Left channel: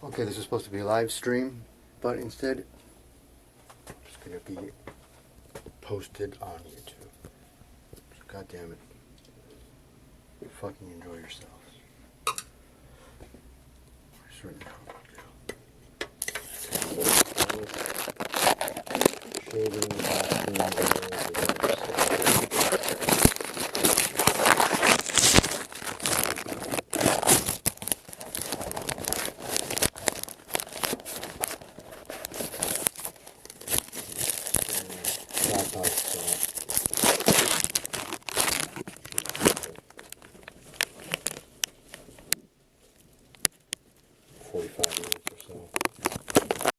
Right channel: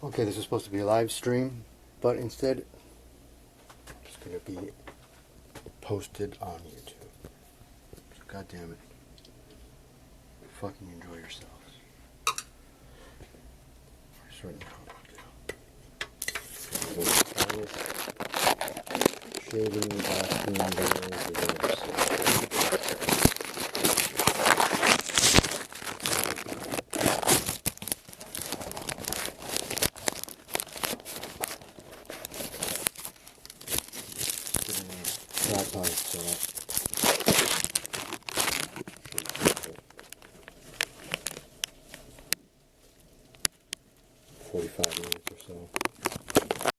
Okay, this was supposed to be a live stream, but instead it's going to be posted on YouTube. So, God damn it. Fucking enjoy yourselves. Shading the bathroom doors with other stuff. Tripod set. 45 minutes.